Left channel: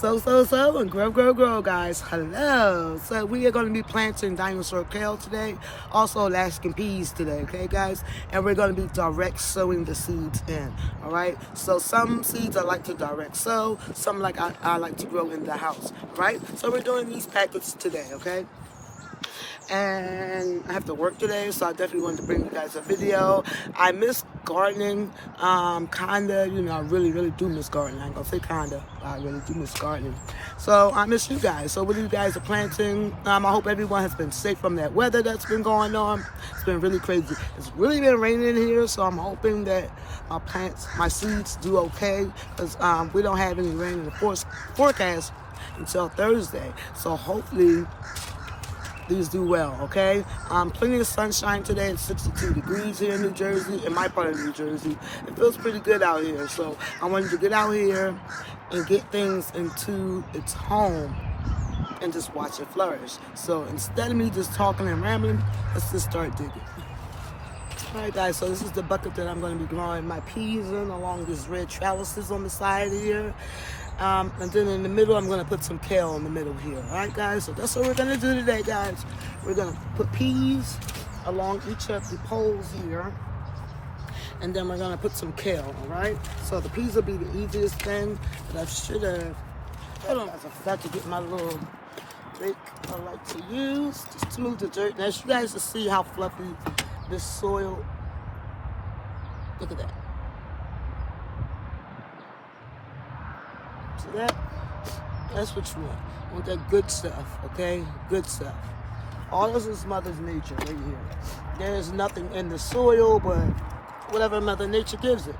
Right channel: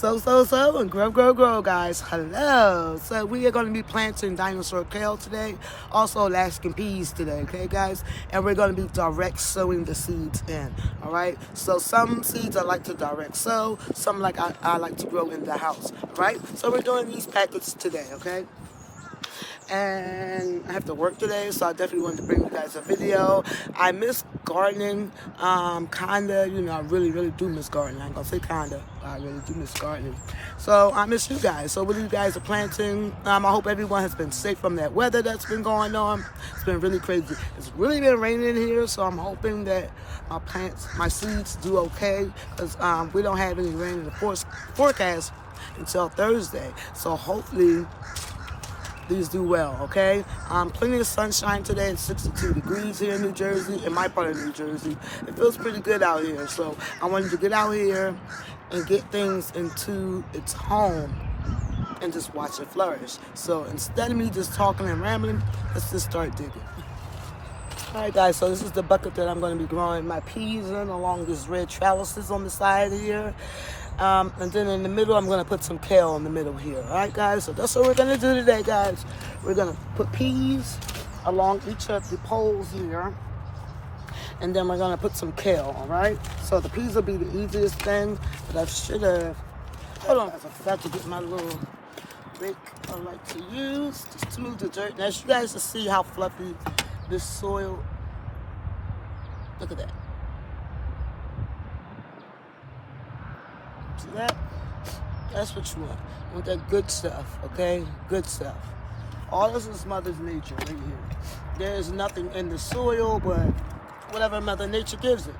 And grow, guys. Hello. So we are going to be planting dinosaur kale today, also Alaskan peas today, okay, guys? And we're going to be direct sowing the seeds in, all right? So some seeds I like to direct sow, some like I like to grow in the house, all right? So we're doing these packets today, okay? And I have to work today, so I definitely wanted to bring you guys a video. I miss gardening, kinda, I really do miss gardening. I ain't gonna say kinda, but I really do miss gardening. So I miss you guys. So what you guys are planting, I hope everyone has been safe from that weather that's been going on. It's been really crazy. It's really been raining here, so I'm hoping that my plants, my seeds do okay, because we don't have any rain in the forecast until Thursday. So hopefully these do well, okay? Plenty of sunshine today. It's 62 degrees here in New Jersey, in my part of New Jersey. It feels pretty good out here. So I wanted to get out here and get things into its home and just watch it flourish. So instead of me just talking and rambling, let's just start digging. All right, guys, so this is the bucket that I'm going to be growing my peas in along these red trellises on the side here. And then in the middle, I'm going to put some kale in the middle here. All right, guys? So that's what we're going to do today, guys. We're going to put peas along each of the poles here. And then we're going to put some kale, all right? So the peas will be the easiest thing. But I should have... Hold on. I forgot to get my little rake I like to use just to move the dirt. Now, you guys to see how fluffy this soil... Look at that. See that? That's what you want. You want that good stuff, okay? Good stuff. All this is Mother Nature right here. There's nothing in the soil but whatever Mother Nature gives it.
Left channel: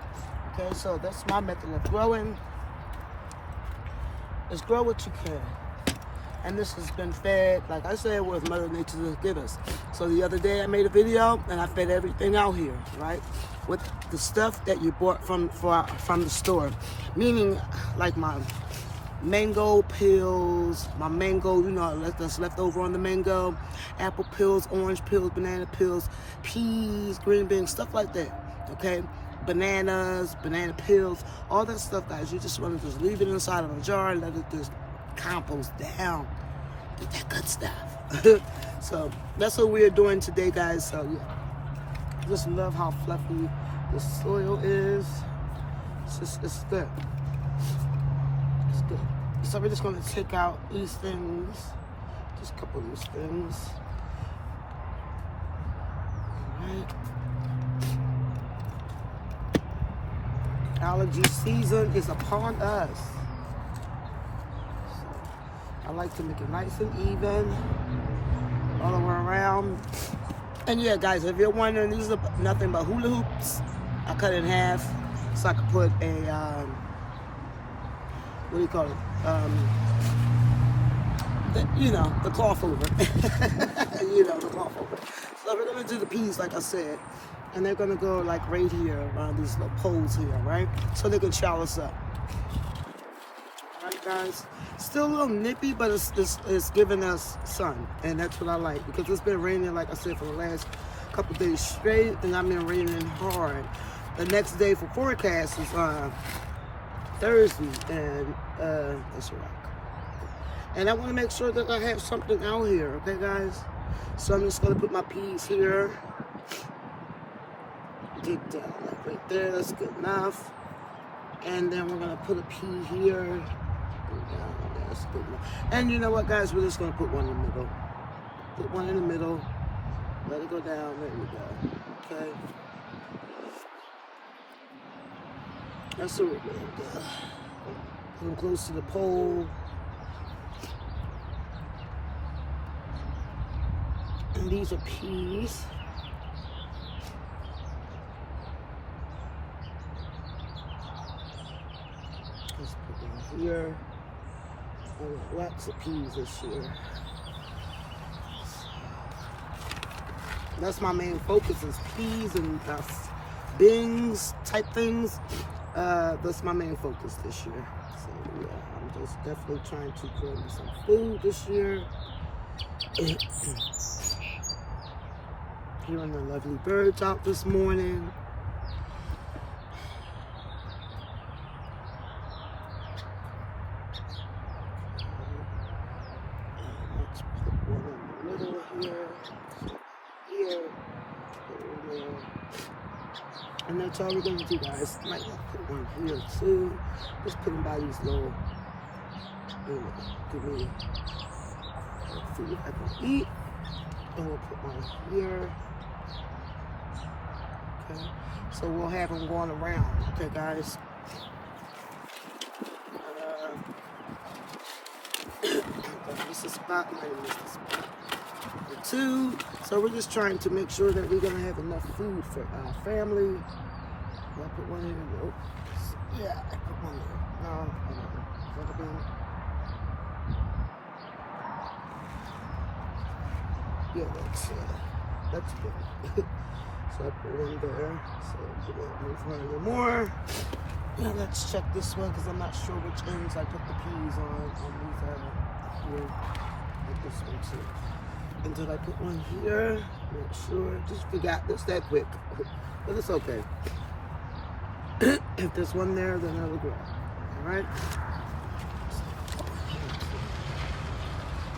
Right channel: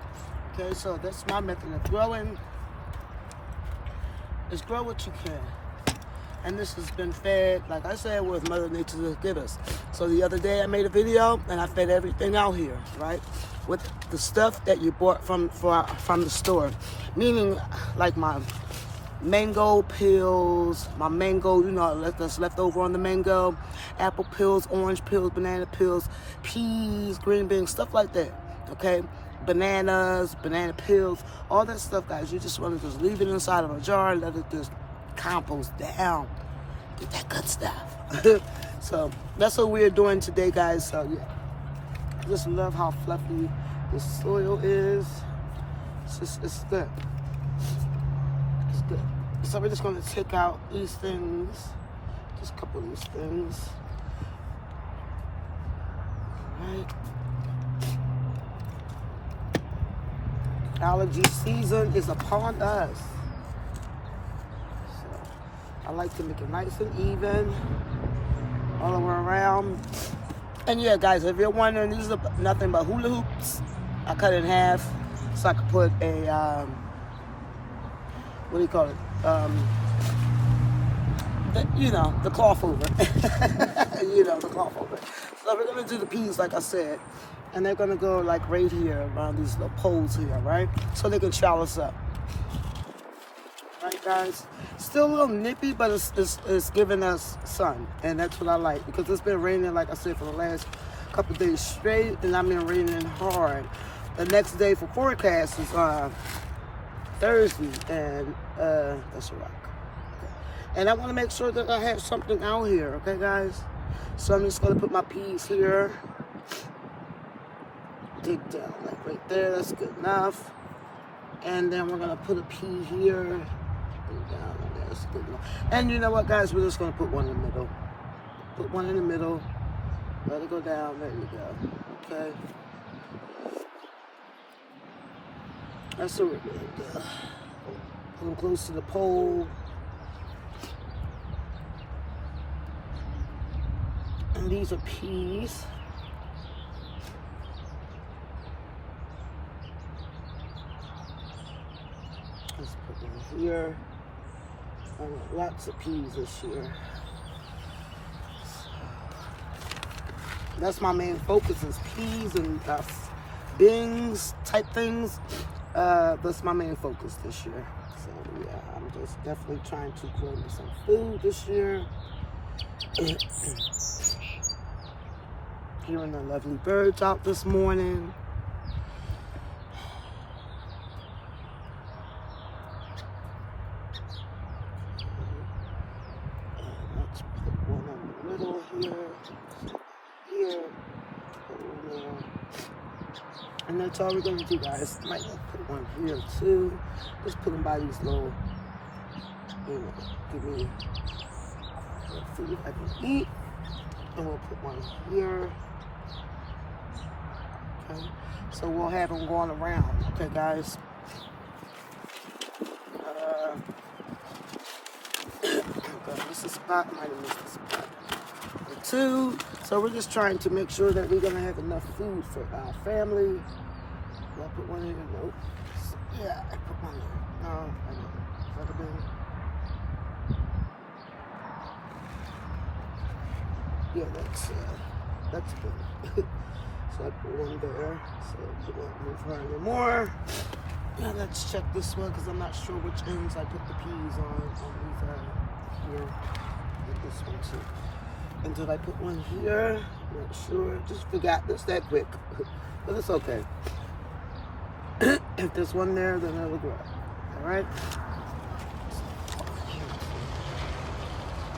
Okay, so that's my method of growing. Is grow what you can. And this has been fed, like I said, with Mother Nature to give us. So the other day I made a video and I fed everything out here, right? With the stuff that you bought from the store. Meaning, like my mango peels, my mango, that's left over on the mango, apple peels, orange peels, banana peels, peas, green beans, stuff like that, okay? Bananas, banana peels, all that stuff, guys. You just want to just leave it inside of a jar and let it just compost down. Get that good stuff. So that's what we're doing today, guys. So yeah, just love how fluffy the soil is. It's good. It's good. So we're just gonna take out these things, just a couple of these things. All right. Allergy season is upon us. I like to make it nice and even all the way around. And yeah, guys, if you're wondering, these are nothing but hula hoops. I cut it in half so I could put a, what do you call it? The cloth over. The cloth over. So we're going to do the peas, like I said. And they're going to go like right here around these little poles here, right? So they can shower us up. Right, guys? Still a little nippy, but it's giving us sun, and that's what I like, because it's been raining, like I said, for the last couple days straight, and I've been raining hard. The next day for forecast is Thursday, and that's a wrap. Okay. And I want to make sure that I have something out here, okay, guys? So I'm just going to put my peas here. Dig down, like right there, that's good enough. And then we're going to put a pea here. Down, that's good enough. And you know what, guys? We're just going to put one in the middle. Put one in the middle. Let it go down. There you go. Okay. That's what we're doing. Put them close to the pole. And these are peas. Let's put them here. I want lots of peas this year. That's my main focus, is peas and beans type things. That's my main focus this year. So yeah, I'm just definitely trying to grow me some food this year. Hearing the lovely birds out this morning. here, here, and that's all we're gonna do, guys. Might want to put one here too. Just put them by these little, give me, let's see if I can eat. And we'll put one here. Okay, so we'll have them going around. Okay, guys. This is spot. Might have missed the spot. The two. So we're just trying to make sure that we're gonna have enough food for our family. Do I put one here? Nope. Yeah, I put one here. No, I didn't. Is that a bin? Yeah, that's good. So I put one there. So we won't move her anymore. Now let's check this one because I'm not sure which ends I put the peas on these here. With this one too. And did I put one here? Not sure. Just forgot this that quick. But it's okay. If there's one there, then I'll grab. Alright?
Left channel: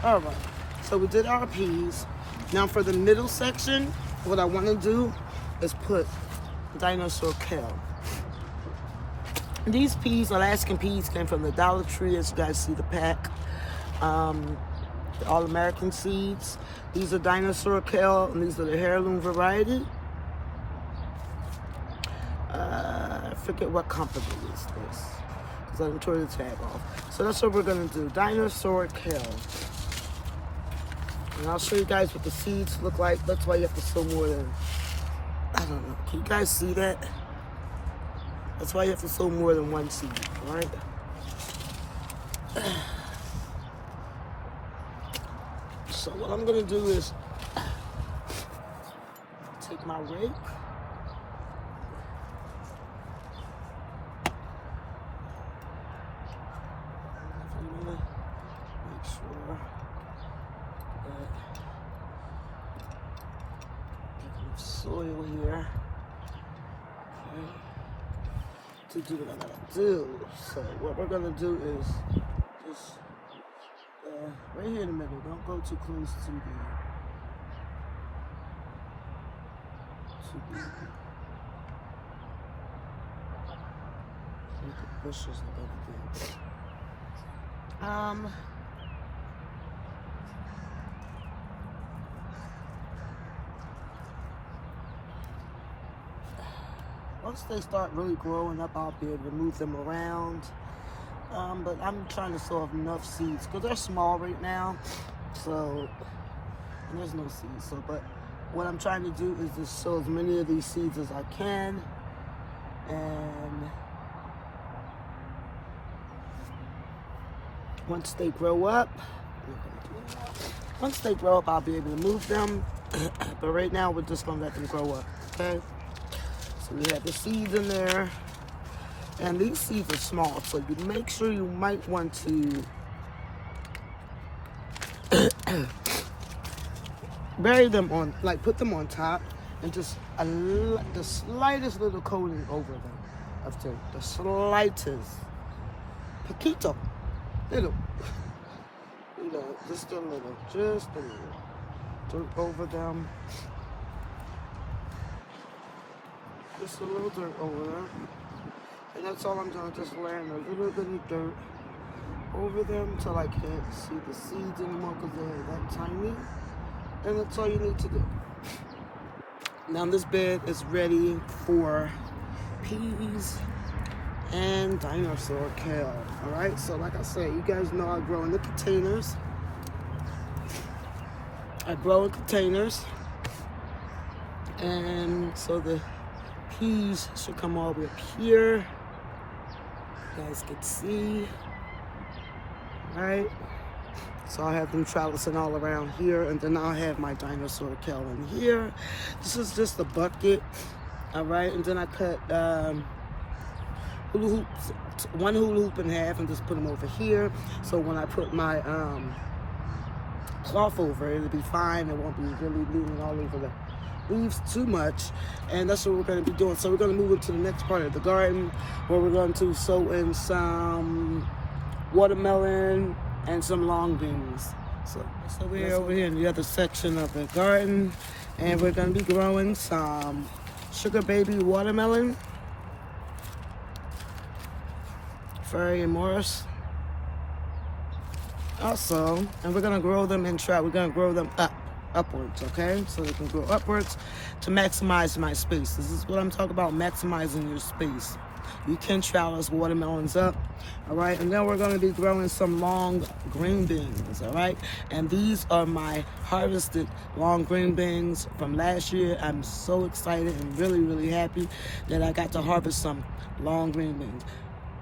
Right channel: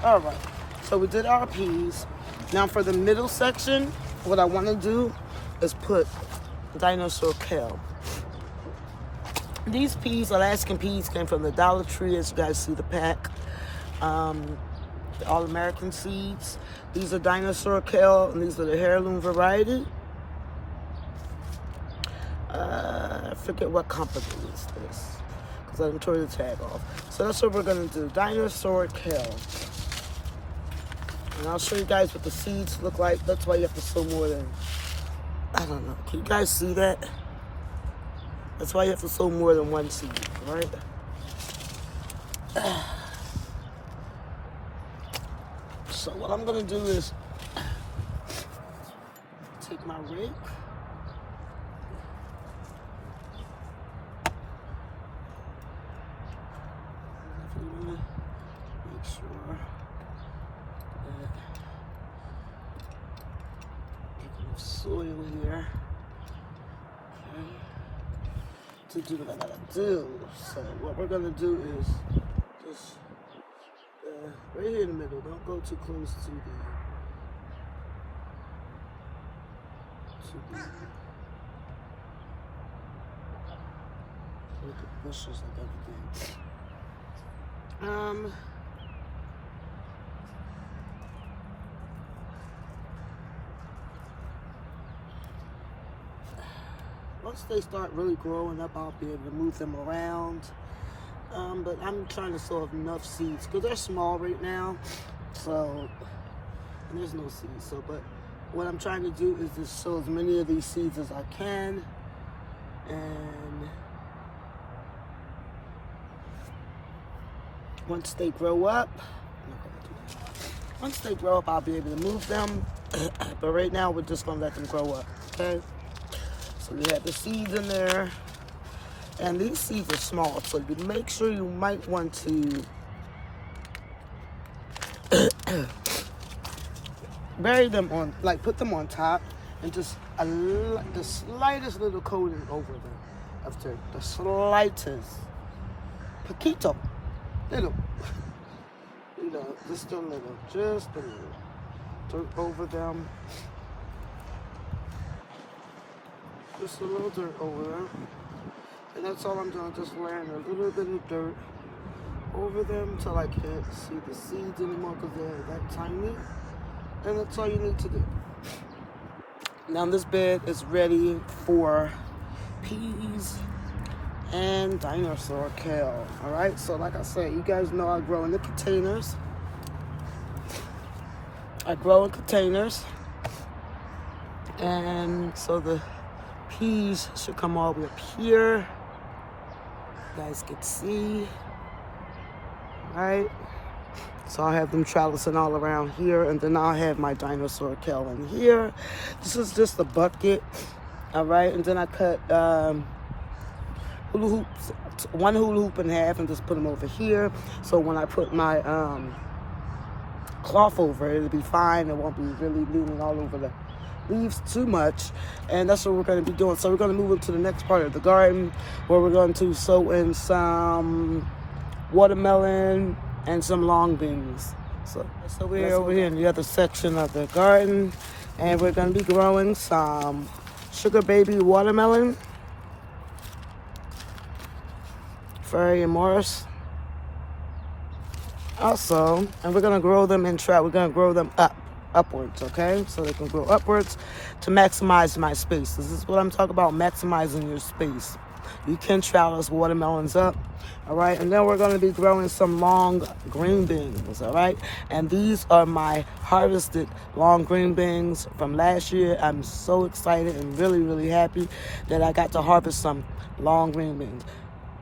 Alright. So we did our peas. Now for the middle section, what I want to do is put dinosaur kale. These peas, Alaskan peas, came from the Dollar Tree, as you guys see the pack. The All-American seeds. These are dinosaur kale, and these are the heirloom variety. I forget what company is this, because I tore the tag off. So that's what we're going to do, dinosaur kale. And I'll show you guys what the seeds look like. That's why you have to sow more than, I don't know. Can you guys see that? That's why you have to sow more than one seed, all right? So what I'm gonna do is take my rake. I'm gonna make sure that I have enough soil here. Okay. To do what I gotta do. So what we're gonna do is just right here in the middle. Don't go too close to the bushes like everything. Once they start really growing up, I'll be able to move them around. But I'm trying to sow enough seeds because they're small right now. So, and there's no seeds. So, but what I'm trying to do is just sow as many of these seeds as I can. And once they grow up, I'm not gonna do anymore. Once they grow up, I'll be able to move them. But right now, we're just gonna let them grow up. Okay. So we have the seeds in there. And these seeds are small, so you make sure you might want to bury them on, like put them on top and just the slightest little coating over them of dirt. The slightest. Poquito. Little. You know, just a little. Just a little. Dirt over them. Just a little dirt over them. And that's all I'm doing, just laying a little bit of dirt over them until I can't see the seeds anymore because they're that tiny. And that's all you need to do. Now this bed is ready for peas and dinosaur kale. Alright, so like I said, you guys know I grow in the containers. I grow in containers. And so the peas should come all the way up here. You guys can see, right? So I have them trellising all around here, and then I'll have my dinosaur kale in here. This is just a bucket, all right? And then I cut hula hoops, one hula hoop in half, and just put them over here. So when I put my cloth over it, it'll be fine. It won't be really leaning all over the leaves too much. And that's what we're going to be doing. So we're going to move into the next part of the garden where we're going to sow in some watermelon and some long beans. So we're over here in the other section of the garden, and we're going to be growing some sugar baby watermelon, Fairy and Morris. Also, and we're going to grow them we're going to grow them upwards, okay? So they can grow upwards to maximize my space. This is what I'm talking about, maximizing your space. You can trellis watermelons up, all right? And then we're going to be growing some long green beans, all right? And these are my harvested long green beans from last year. I'm so excited and really, really happy that I got to harvest some long green beans.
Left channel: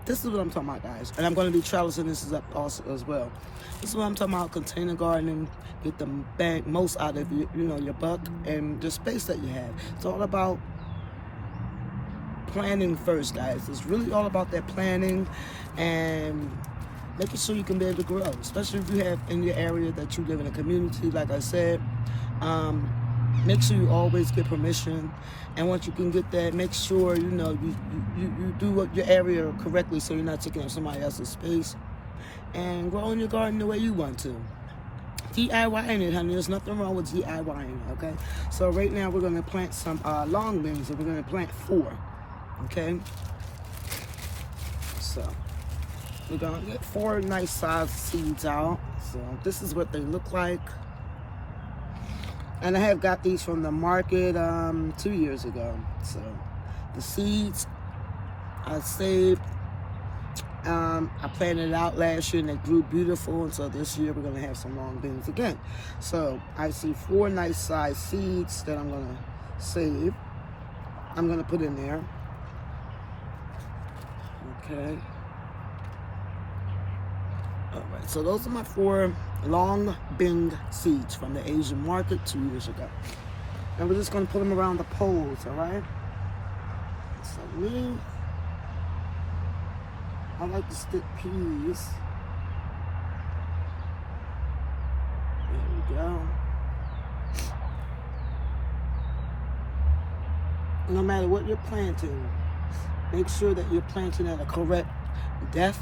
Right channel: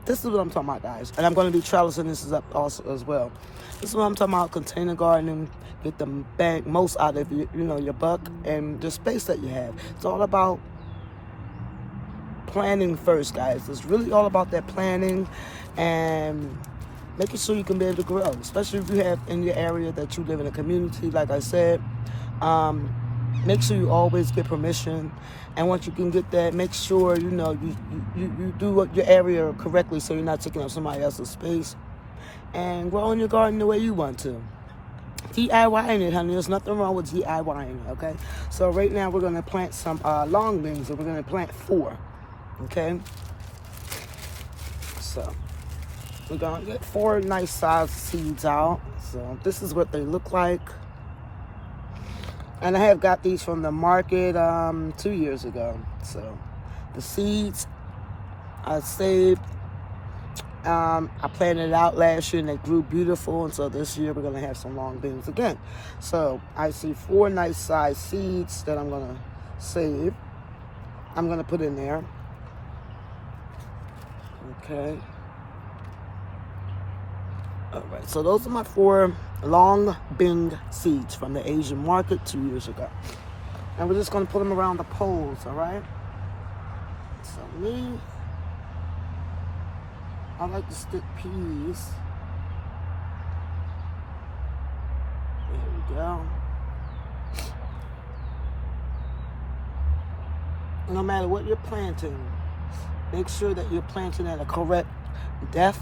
This is what I'm talking about, guys. And I'm going to be trellising this up also as well. This is what I'm talking about, container gardening. Get the most out of your buck and the space that you have. It's all about planning first, guys. It's really all about that planning and making sure you can be able to grow, especially if you have in your area that you live in a community, like I said. Make sure you always get permission, and once you can get that, make sure you do your area correctly so you're not taking up somebody else's space, and grow in your garden the way you want to. DIYing it, honey. There's nothing wrong with DIYing, okay? So right now we're going to plant some long beans, and we're going to plant 4, okay? So we're going to get 4 nice sized seeds out. So this is what they look like. And I have got these from the market 2 years ago. So the seeds I saved. I planted it out last year and they grew beautiful, and so this year we're going to have some long beans again. So I see 4 nice sized seeds that I'm going to save. I'm going to put in there. Okay. All right, so those are my 4 long bean seeds from the Asian market 2 years ago. And we're just going to put them around the poles, all right? So I like to stick peas. There we go. No matter what you're planting, make sure that you're planting at a correct depth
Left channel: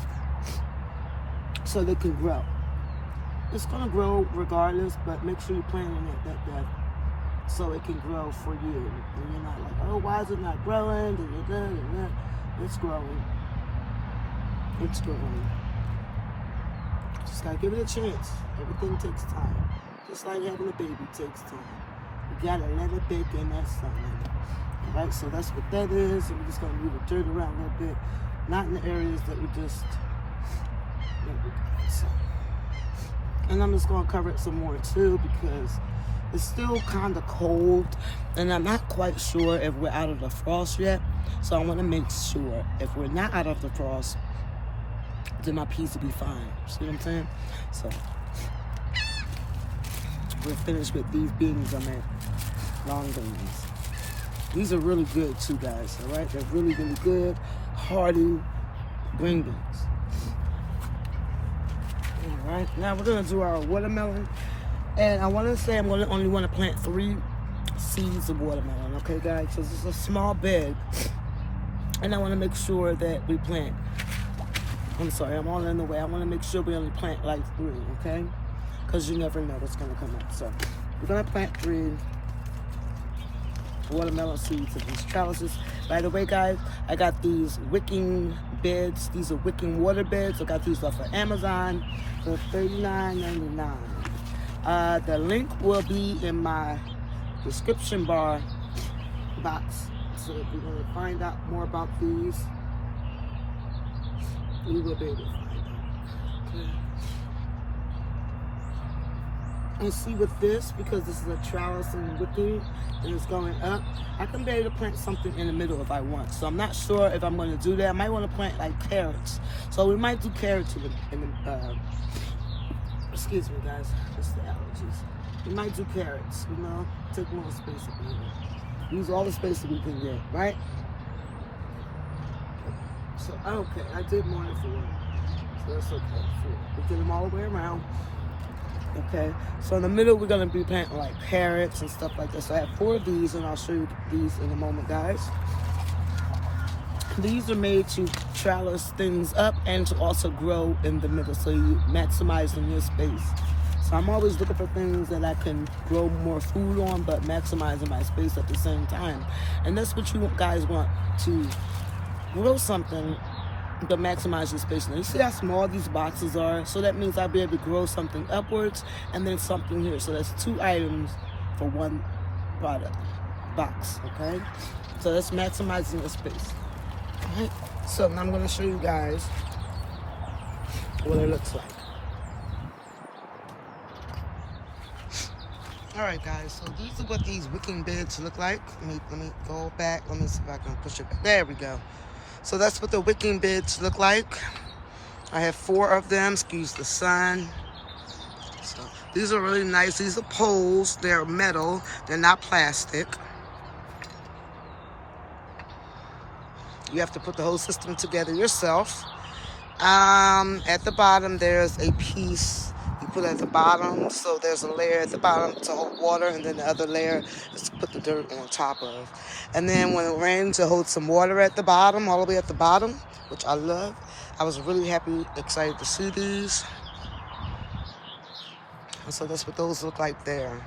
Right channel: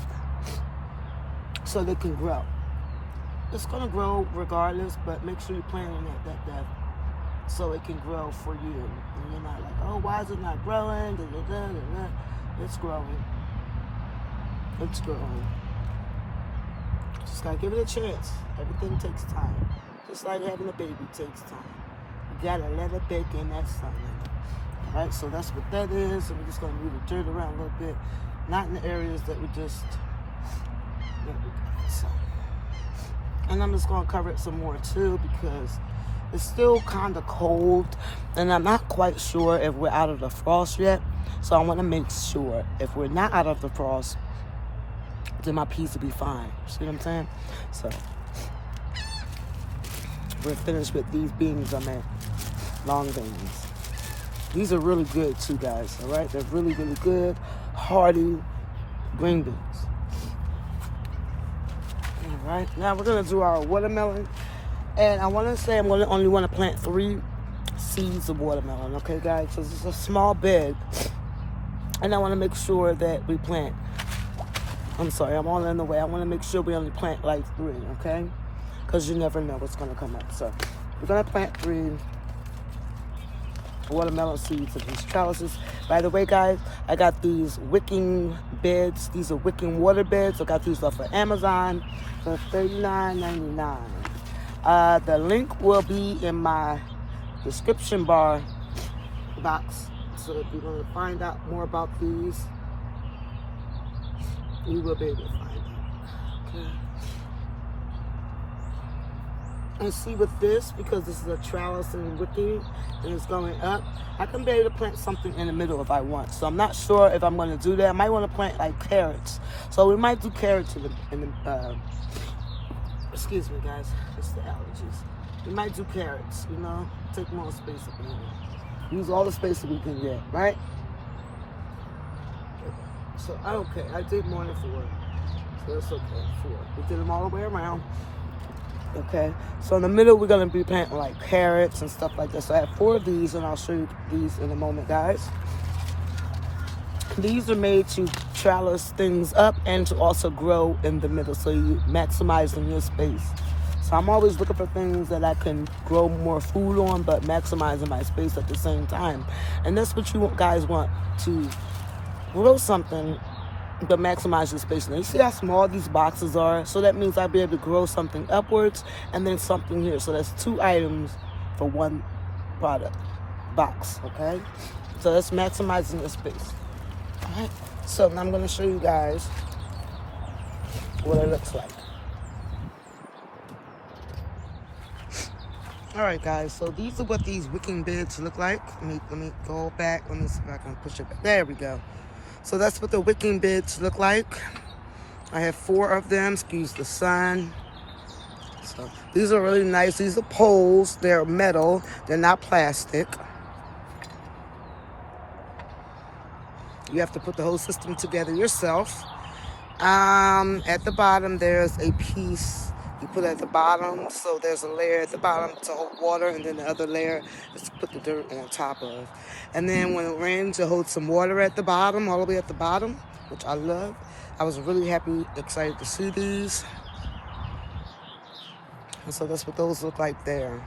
so they can grow. It's going to grow regardless, but make sure you're planting at that depth so it can grow for you. And you're not like, oh, why is it not growing? It's growing. It's growing. Just gotta give it a chance. Everything takes time. Just like having a baby takes time. You gotta let it bake in that sun. Alright, so that's what that is. And we're just gonna move the dirt around a little bit. Not in the areas that we just so. And I'm just gonna cover it some more too, because it's still kind of cold and I'm not quite sure if we're out of the frost yet. So I want to make sure if we're not out of the frost, then my peas will be fine. See what I'm saying? So we're finished with these beans. I'm at long beans. These are really good too, guys. All right, they're really, really good, hearty green beans. All right, now we're gonna do our watermelon, and I want to say I'm gonna only want to plant 3 seeds of watermelon. Okay, guys. So this is a small bed, and I want to make sure that we plant. I'm sorry, I'm all in the way. I want to make sure we only plant like 3, okay? Because you never know what's going to come up. So we're going to plant 3 watermelon seeds of these trellises. By the way, guys, I got these wicking beds. These are wicking water beds. I got these off of Amazon for $39.99. The link will be in my description box. So if you want to find out more about these, you will be able to find out. Okay. And see with this, because this is a trellis and wicking, and it's going up, I can be able to plant something in the middle if I want. So I'm not sure if I'm going to do that. I might want to plant like carrots. So we might do carrots in the excuse me, guys, it's the allergies. We might do carrots, take more space up in here. Use all the space that we can get, right? So, okay, I did more than 4. So that's okay, 4. We did them all the way around. Okay, so in the middle, we're going to be planting like carrots and stuff like that. So I have 4 of these, and I'll show you these in a moment, guys. These are made to trellis things up and to also grow in the middle, so you maximizing your space. So I'm always looking for things that I can grow more food on, but maximizing my space at the same time. And that's what you guys want, to grow something but maximize your space. Now you see how small these boxes are? So that means I'll be able to grow something upwards and then something here. So that's 2 items for 1 product box, okay? So that's maximizing your space. All right, so now I'm going to show you guys what it looks like. All right, guys, so these are what these wicking beds look like. Let me go back. Let me see if I can push it back. There we go. So that's what the wicking beds look like. I have 4 of them, excuse the sun. So these are really nice. These are poles. They're metal. They're not plastic. You have to put the whole system together yourself. At the bottom, there's a piece you put at the bottom. So there's a layer at the bottom to hold water, and then the other layer is to put the dirt on top of. And then when it rains, it holds some water at the bottom, all the way at the bottom, which I love. I was really happy, excited to see these. And so that's what those look like there.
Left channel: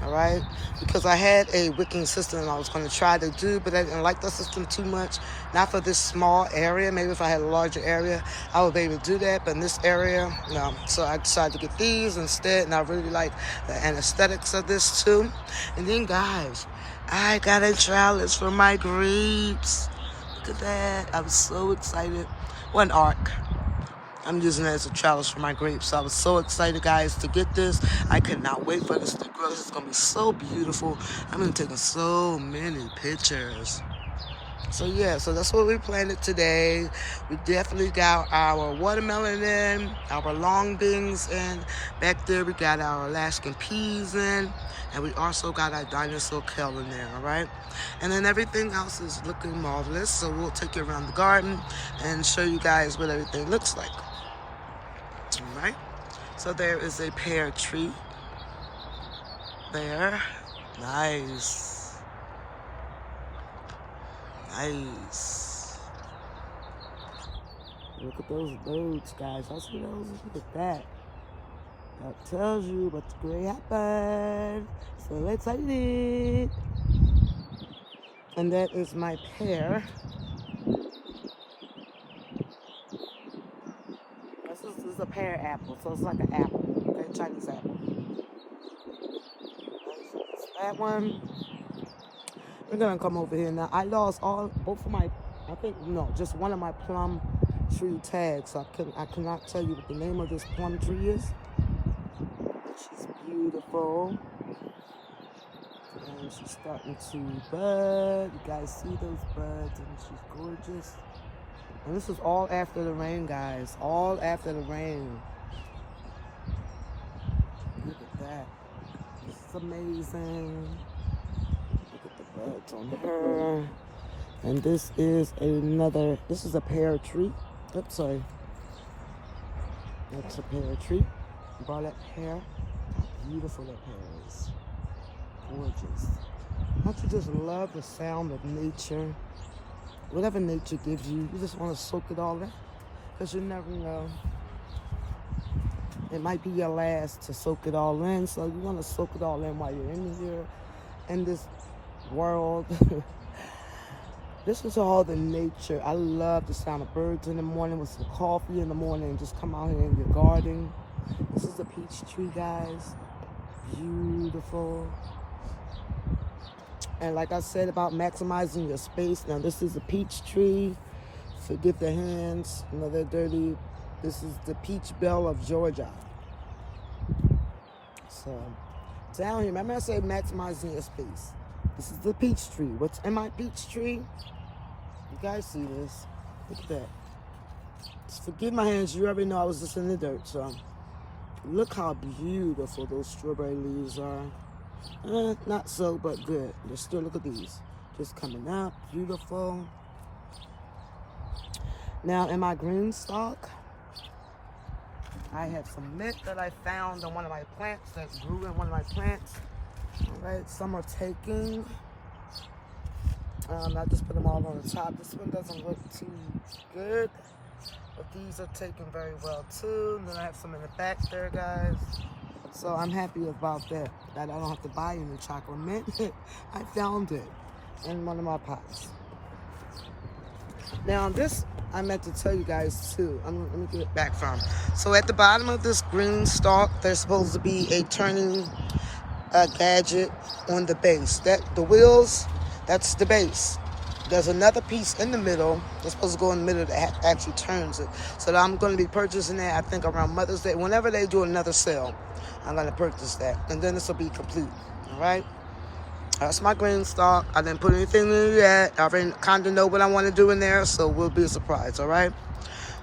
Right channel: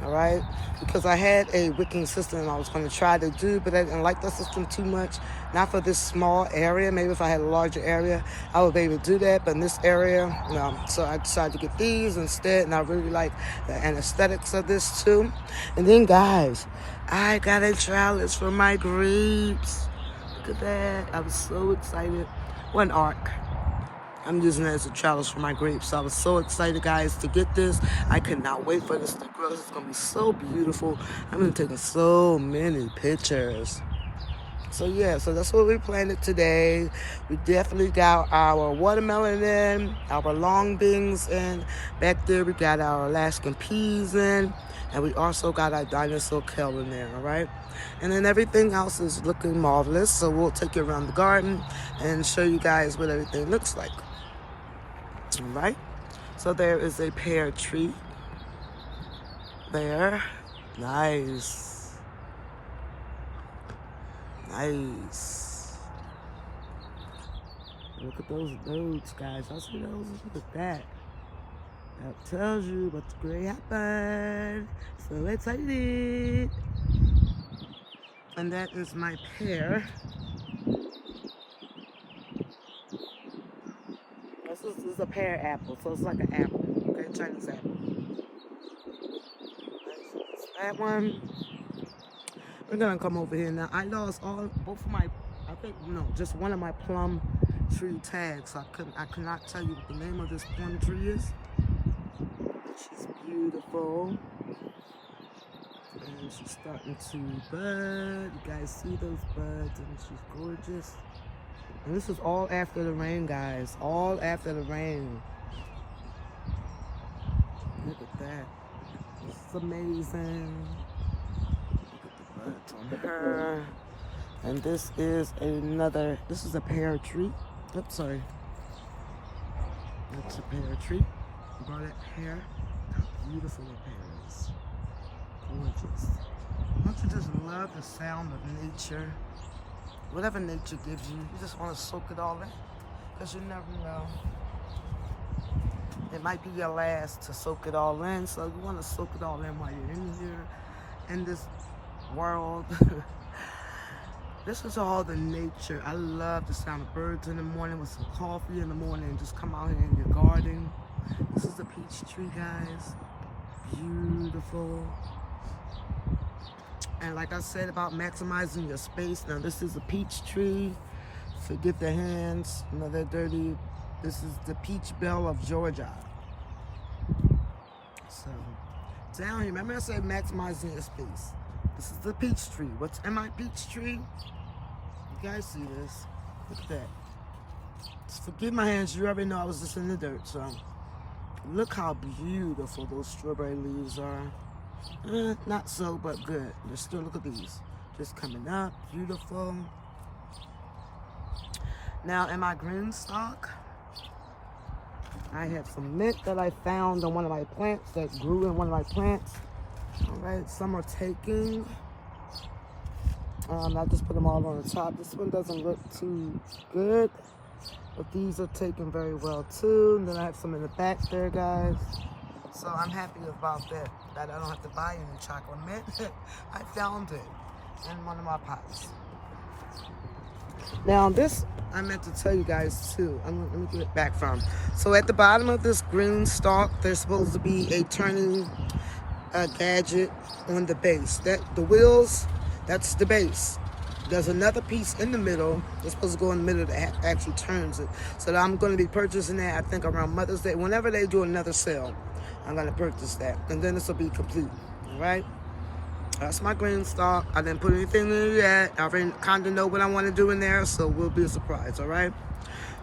All right, because I had a wicking system I was going to try to do, but I didn't like the system too much. Not for this small area. Maybe if I had a larger area, I would be able to do that. But in this area, no. So I decided to get these instead, and I really like the aesthetics of this too. And then, guys, I got a trellis for my grapes. Look at that. I was so excited. One arc. I'm using it as a trellis for my grapes. So I was so excited, guys, to get this. I could not wait for this to grow. This is going to be so beautiful. I'm going to take so many pictures. So, yeah, so that's what we planted today. We definitely got our watermelon in, our long beans in. Back there, we got our Alaskan peas in. And we also got our dinosaur kale in there, all right? And then everything else is looking marvelous. So we'll take you around the garden and show you guys what everything looks like. All right, so there is a pear tree there. Nice. Look at those birds, guys. I see those. Look at that. That tells you what's going to happen. So excited. And that is my pear. This is a pear apple, so it's like an apple, okay, Chinese apple. That one. We're gonna come over here now. I lost both of my, just one of my plum tree tags. I could not tell you what the name of this plum tree is. She's beautiful, and she's starting to bud. You guys see those buds, and she's gorgeous. And this was all after the rain, guys. All after the rain. Look at that. This is amazing. Look at the buds on her. And this is a pear tree. Oops, sorry. That's a pear tree. Brought that pear. How beautiful that pear is. Gorgeous. Don't you just love the sound of nature? Whatever nature gives you, you just want to soak it all in, because you never know. It might be your last to soak it all in, so you want to soak it all in while you're in here, in this world. This is all the nature. I love the sound of birds in the morning with some coffee in the morning and just come out here in your garden. This is a peach tree, guys. Beautiful. And like I said about maximizing your space, now this is a peach tree. Forget the hands, they're dirty. This is the peach bell of Georgia. So, down here, remember I said maximizing your space. This is the peach tree. What's in my peach tree? You guys see this? Look at that. Just forgive my hands, you already know I was just in the dirt, so. Look how beautiful those strawberry leaves are. Not so, but good. Let's still look at these. Just coming up, beautiful. Now, in my green stock, I have some mint that I found on one of my plants that grew in one of my plants. All right, some are taking. I just put them all on the top. This one doesn't look too good. But these are taken very well too. And then I have some in the back there, guys. So I'm happy about that. That I don't have to buy any chocolate mint. I found it in one of my pots. Now this, I meant to tell you guys too. Let me get it back from. So at the bottom of this green stalk, there's supposed to be a turning gadget on the base. The wheels, that's the base. There's another piece in the middle. It's supposed to go in the middle that actually turns it. So I'm going to be purchasing that, I think, around Mother's Day. Whenever they do another sale, I'm going to purchase that. And then this will be complete. All right? That's my green stalk. I didn't put anything in it yet. I already kind of know what I want to do in there, so we'll be a surprise. All right?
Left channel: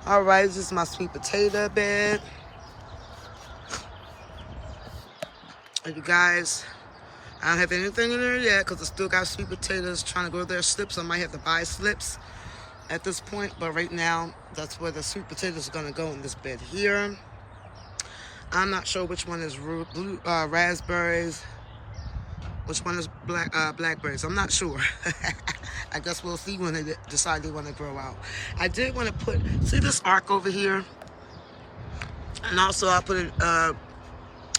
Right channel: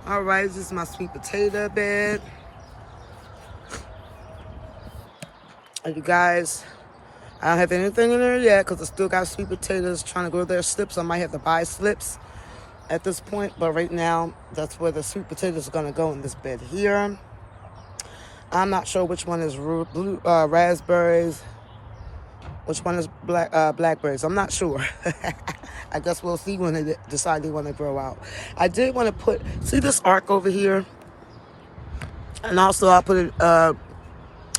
All right, this is my sweet potato bed. And you guys, I don't have anything in there yet because I still got sweet potatoes trying to grow their slips. I might have to buy slips at this point, but right now, that's where the sweet potatoes are going to go in this bed here. I'm not sure which one is blue, raspberries, which one is blackberries. I'm not sure. I guess we'll see when they decide they want to grow out. I did want to see this arc over here? And also I put it,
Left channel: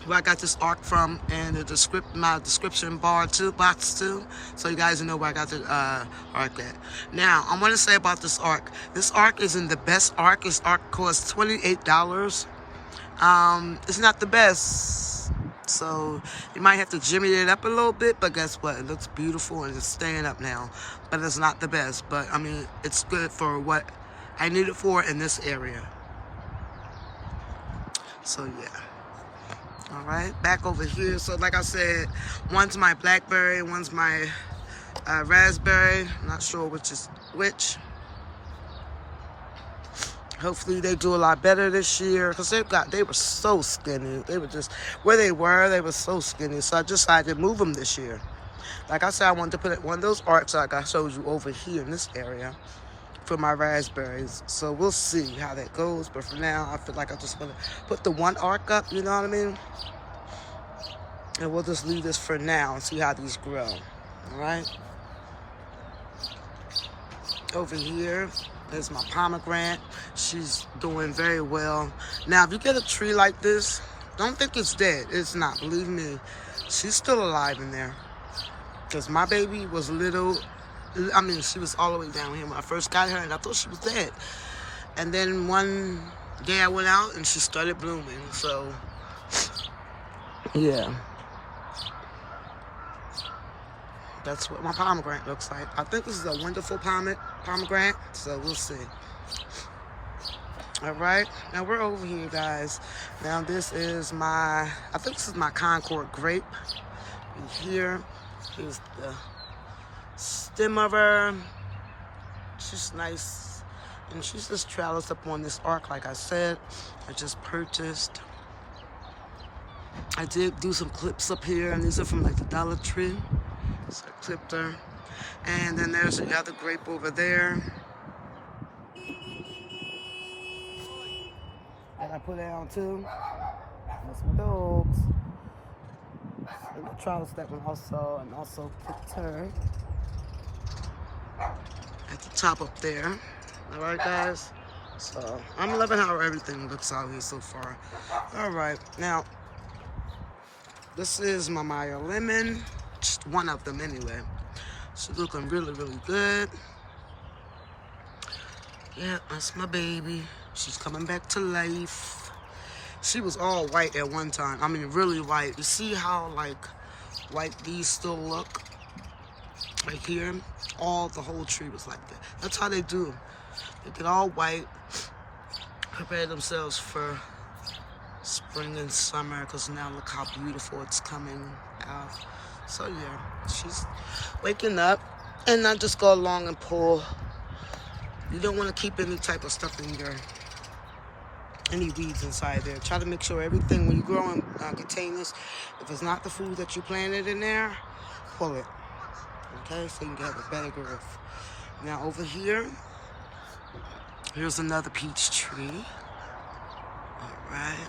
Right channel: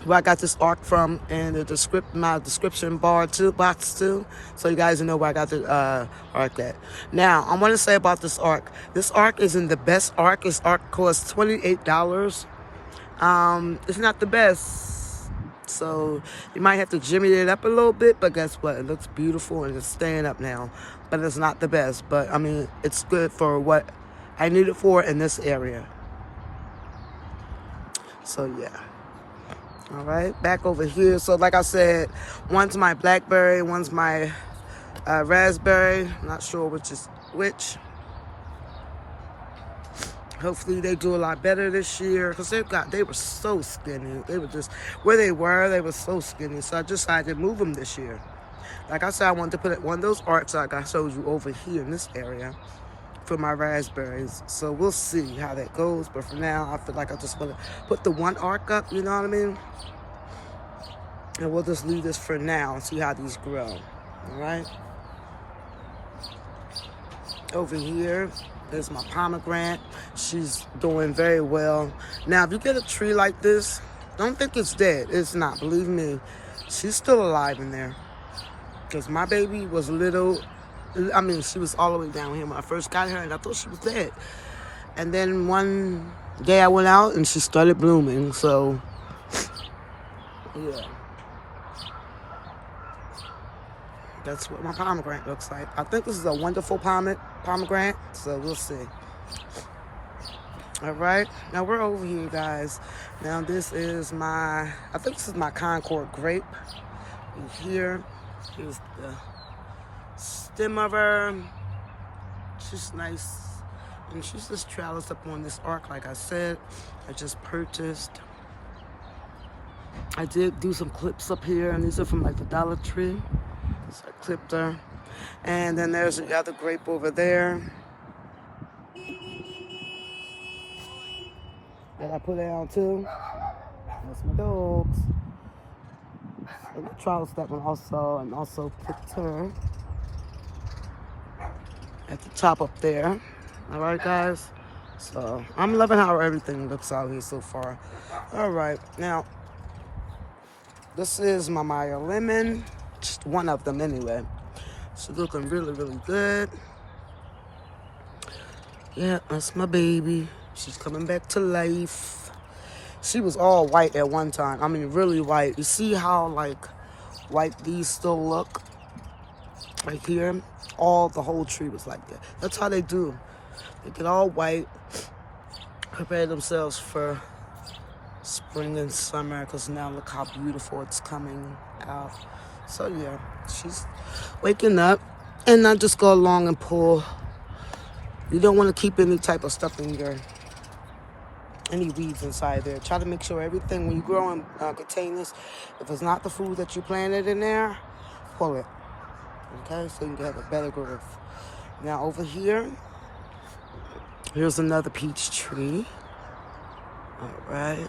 where I got this arc from in my description box too, so you guys know where I got the arc at. Now, I want to say about this arc. This arc isn't the best arc. This arc costs $28. It's not the best, so you might have to jimmy it up a little bit, but guess what? It looks beautiful and it's staying up now, but it's not the best. But, I mean, it's good for what I need it for in this area. So, yeah. All right, back over here. So like I said, one's my blackberry, one's my raspberry. Not sure which is which. Hopefully they do a lot better this year because they were so skinny. They were just where they were so skinny. So I decided to move them this year. Like I said, I wanted to put one of those arcs like I showed you over here in this area for my raspberries. So we'll see how that goes. But for now, I feel like I just want to put the one arc up, you know what I mean? And we'll just leave this for now and see how these grow. All right? Over here is my pomegranate. She's doing very well. Now, if you get a tree like this, don't think it's dead. It's not. Believe me, she's still alive in there. Because my baby was little. I mean, she was all the way down here when I first got her, and I thought she was dead. And then one day I went out, and she started blooming. So, yeah. That's what my pomegranate looks like. I think this is a wonderful pomegranate, so we'll see. All right, now we're over here, guys. Now this is I think this is my Concord grape. Here's the stem of her. She's nice, and she's just trellised up on this arc, like I said. I just purchased. I did do some clips up here, and these are from like the Dollar Tree. So I clipped her. And then there's the other grape over there that I put down too. That's my dogs. So I trellised that one also, and also clipped her at the top up there. All right, guys. So I'm loving how everything looks out here so far. All right, now this is my Maya Lemon. Just one of them anyway. She's looking really, really good. Yeah, that's my baby. She's coming back to life. She was all white at one time. I mean, really white. You see how, like, white these still look? Right here. The whole tree was like that. That's how they do. They get all white, prepare themselves for spring and summer, because now look how beautiful it's coming out. So yeah, she's waking up, and I just go along and pull. You don't want to keep any type of stuff in any weeds inside there. Try to make sure everything, when you grow in containers, if it's not the food that you planted in there, pull it. Okay, so you can have a better growth. Now over here, here's another peach tree. All right.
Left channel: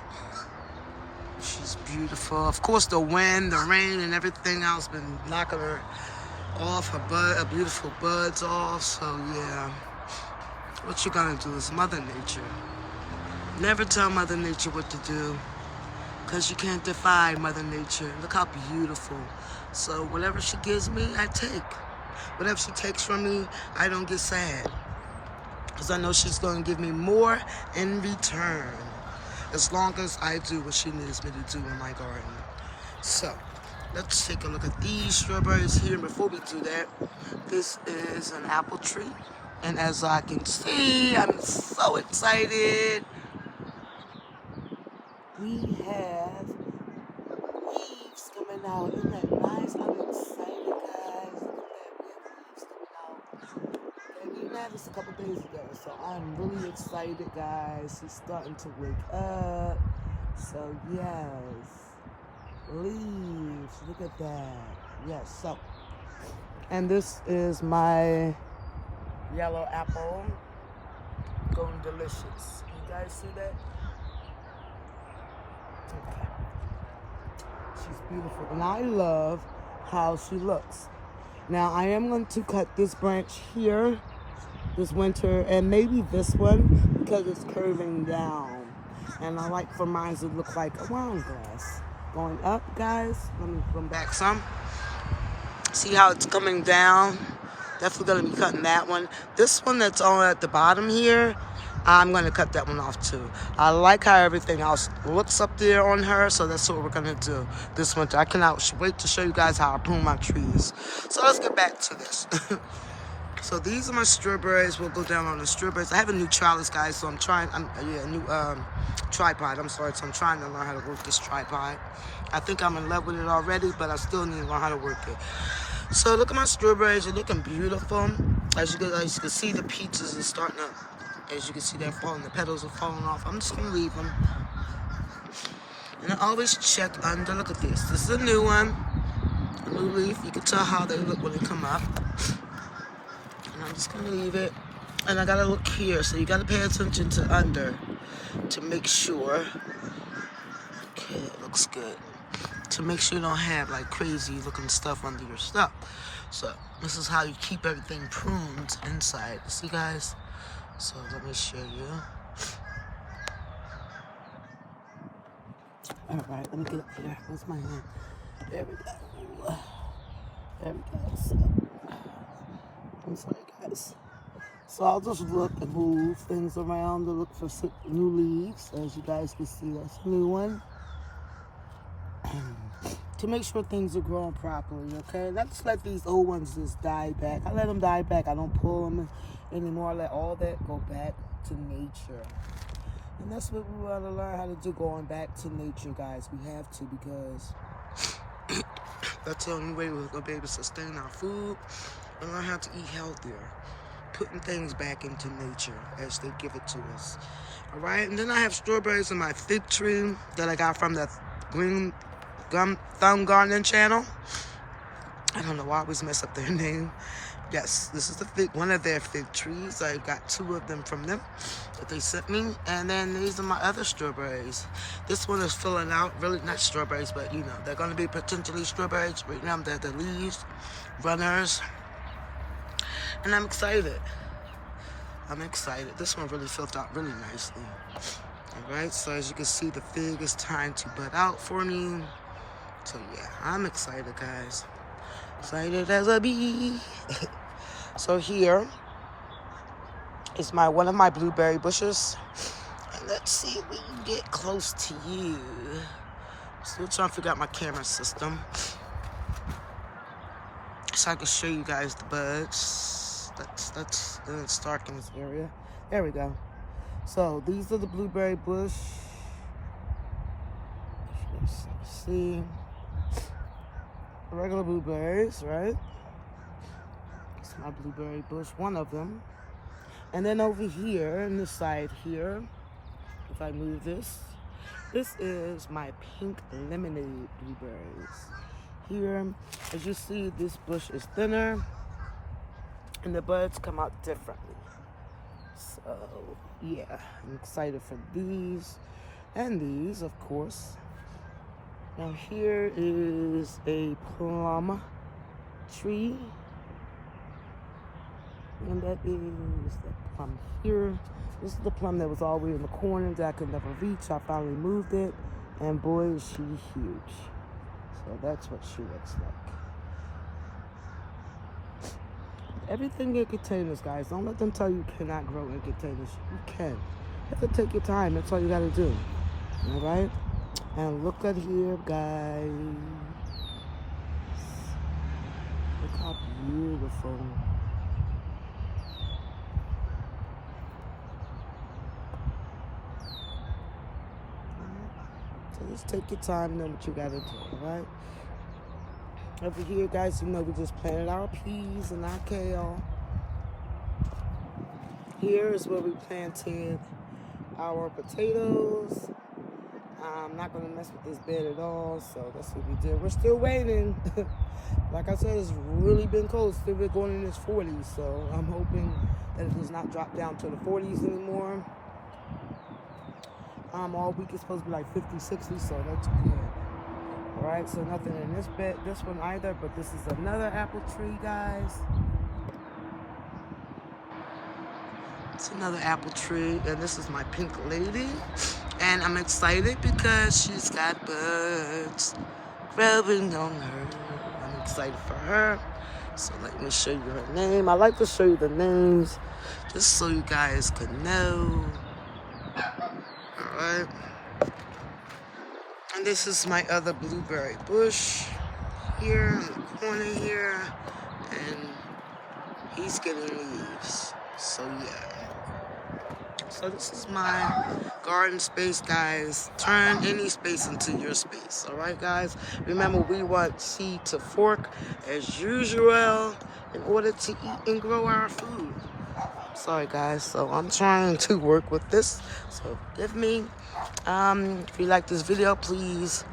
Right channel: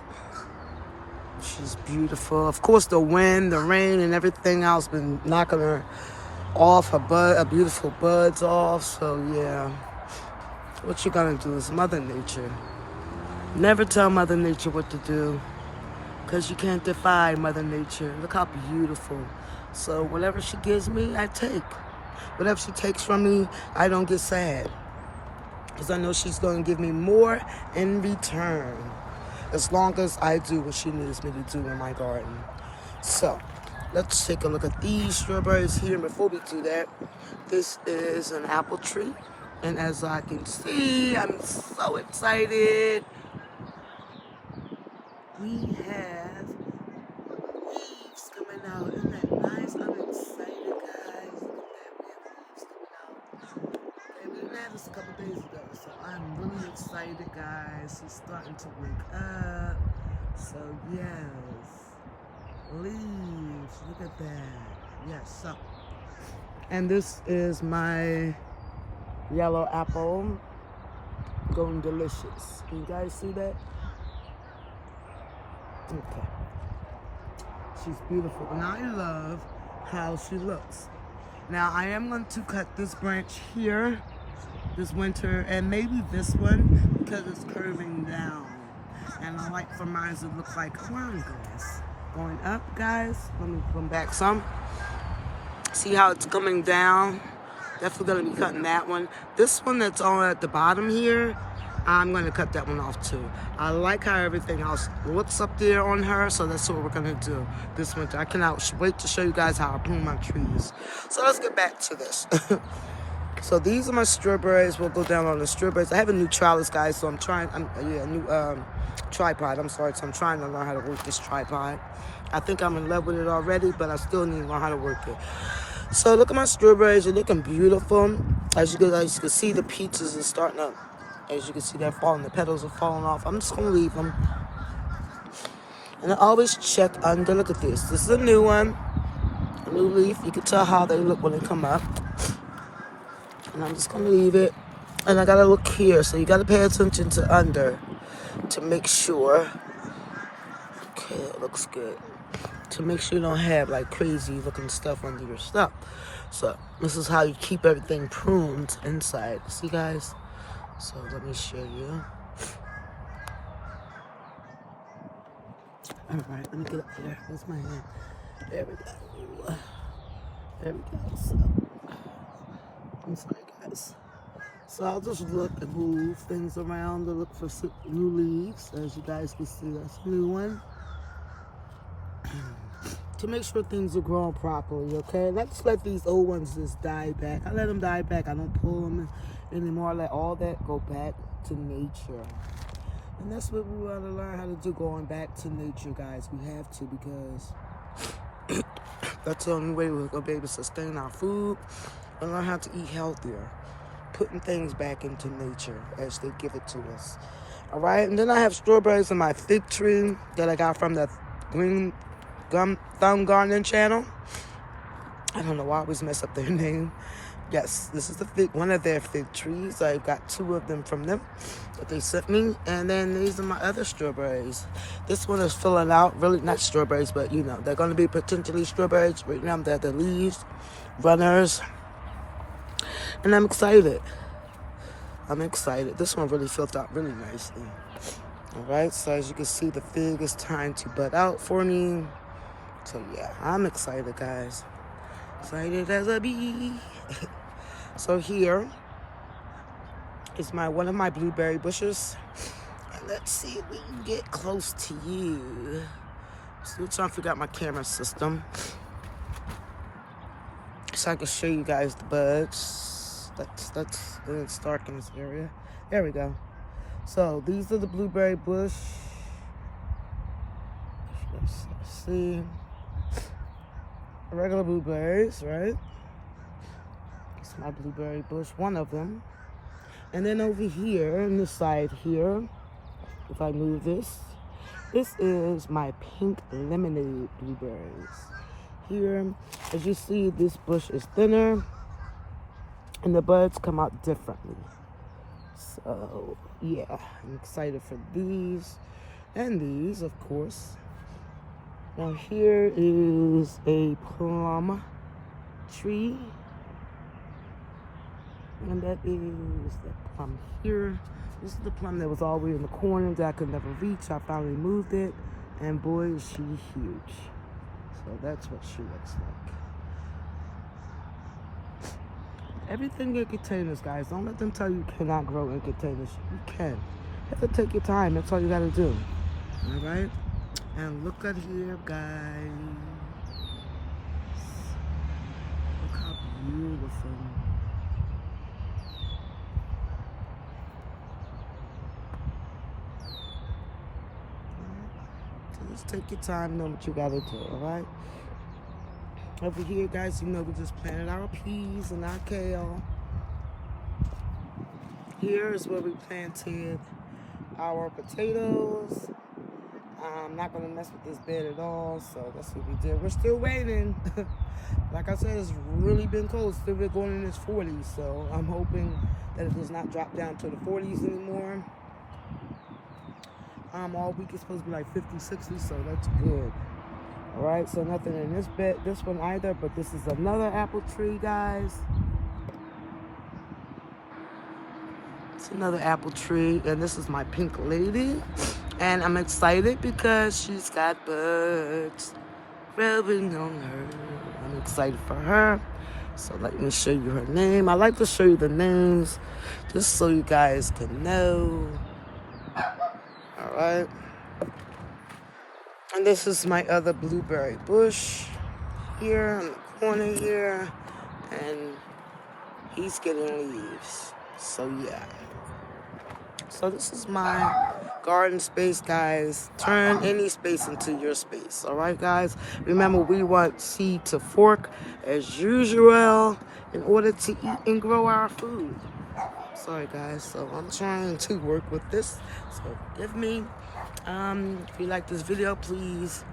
She's beautiful. Of course, the wind, the rain, and everything else been knocking her off, her beautiful buds off. So, yeah. What you gonna do is Mother Nature. Never tell Mother Nature what to do, because you can't defy Mother Nature. Look how beautiful. So whatever she gives me, I take. Whatever she takes from me, I don't get sad, because I know she's going to give me more in return, as long as I do what she needs me to do in my garden. So let's take a look at these strawberries here. Before we do that, this is an apple tree, and as I can see, I'm so excited. We have leaves coming out. Isn't that nice? I'm excited, guys. Look at that. We have leaves coming out. And we had this a couple days ago, so I'm really excited, guys. It's starting to wake up. So, yes. Leaves. Look at that. Yes, so. And this is my yellow apple. Going delicious. Can you guys see that? Okay. She's beautiful, and I love how she looks. Now I am going to cut this branch here this winter, and maybe this one, because it's curving down, and I like for mine to look like a wine glass going up. Guys, let me come back some. See how it's coming down? Definitely going to be cutting that one. This one that's on at the bottom here, I'm going to cut that one off too. I like how everything else looks up there on her, so that's what we're going to do this winter. I cannot wait to show you guys how I prune my trees. So let's get back to this. So these are my strawberries. We'll go down on the strawberries. I have a new trellis, guys, so I'm trying, new tripod, I'm sorry. So I'm trying to learn how to work this tripod. I think I'm in love with it already, but I still need to learn how to work it. So look at my strawberries. They're looking beautiful. As you can see, the peaches are starting up. As you can see, they're falling. The petals are falling off. I'm just going to leave them. And I always check under. Look at this. This is a new one. A new leaf. You can tell how they look when they come up. And I'm just going to leave it. And I got to look here. So you got to pay attention to under to make sure. Okay, it looks good. To make sure you don't have like crazy looking stuff under your stuff. So this is how you keep everything pruned inside. See, guys? So let me show you. All right, let me get up there. Where's my hand? There we go. There we go. So, I'm sorry, guys. So I'll just look and move things around to look for some new leaves. As you guys can see, that's a new one. To make sure things are growing properly, okay? Not just let these old ones just die back. I let them die back. I don't pull them anymore. I let all that go back to nature. And that's what we want to learn how to do, going back to nature, guys. We have to, because that's the only way we're going to be able to sustain our food and learn how to eat healthier. Putting things back into nature as they give it to us. All right? And then I have strawberries in my fig tree that I got from the Green Thumb Gardening channel. I don't know why I always mess up their name. Yes, this is one of their fig trees. I got 2 of them from them that they sent me. And then these are my other strawberries. This one is filling out. Really, not strawberries, but you know, they're going to be potentially strawberries. Right now, they're the leaves, runners. And I'm excited. I'm excited. This one really filled out really nicely. All right, so as you can see, the fig is trying to bud out for me. So yeah, I'm excited, guys. Excited as a bee. So here is one of my blueberry bushes. And let's see if we can get close to you. Still trying to figure out my camera system, so I can show you guys the buds. It's dark in this area. There we go. So these are the blueberry bush. Let's see. Regular blueberries, right? It's my blueberry bush, one of them. And then over here, on this side here, if I move this is my pink lemonade blueberries. Here, as you see, this bush is thinner, and the buds come out differently. So, yeah, I'm excited for these and these, of course. Now here is a plum tree. And that is the plum here. This is the plum that was all the way in the corner that I could never reach. I finally moved it, and boy, is she huge. So that's what she looks like. Everything in containers, guys. Don't let them tell you cannot grow in containers. You can. You have to take your time. That's all you got to do. All right? And look at here, guys. Look how beautiful. So just take your time and know what you got to do, all right? Over here, guys, you know we just planted our peas and our kale. Here is where we planted our potatoes. I'm not going to mess with this bed at all, so that's what we did. We're still waiting. Like I said, it's really been cold. Still been going in its 40s, so I'm hoping that it does not drop down to the 40s anymore. All week it's supposed to be like 50, 60, so that's good. All right, so nothing in this bed, this one either, but this is another apple tree, guys. It's another apple tree, and this is my pink lady. And I'm excited because she's got buds growing on her. I'm excited for her. So let me show you her name. I like to show you the names just so you guys can know. All right. And this is my other blueberry bush here in the corner here. And he's getting leaves. So yeah. So this is my garden space, guys. Turn any space into your space. All right, guys? Remember, we want seed to fork as usual in order to eat and grow our food. Sorry, guys. So I'm trying to work with this. So forgive me. If you like this video, please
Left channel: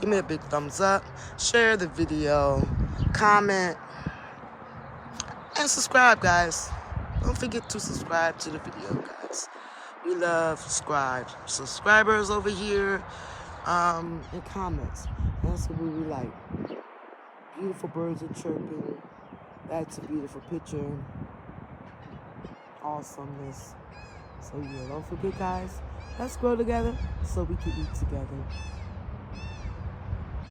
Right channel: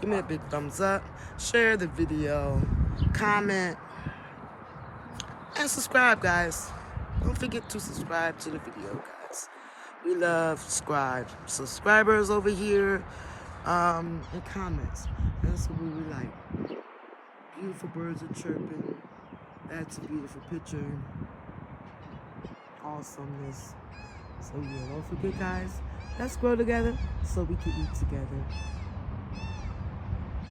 give me a big thumbs up. Share the video. Comment. And subscribe, guys. Don't forget to subscribe to the video, guys. We love subscribers over here, and comments. That's what we like. Beautiful birds are chirping. That's a beautiful picture. Awesomeness. So yeah, don't forget, guys. Let's grow together so we can eat together.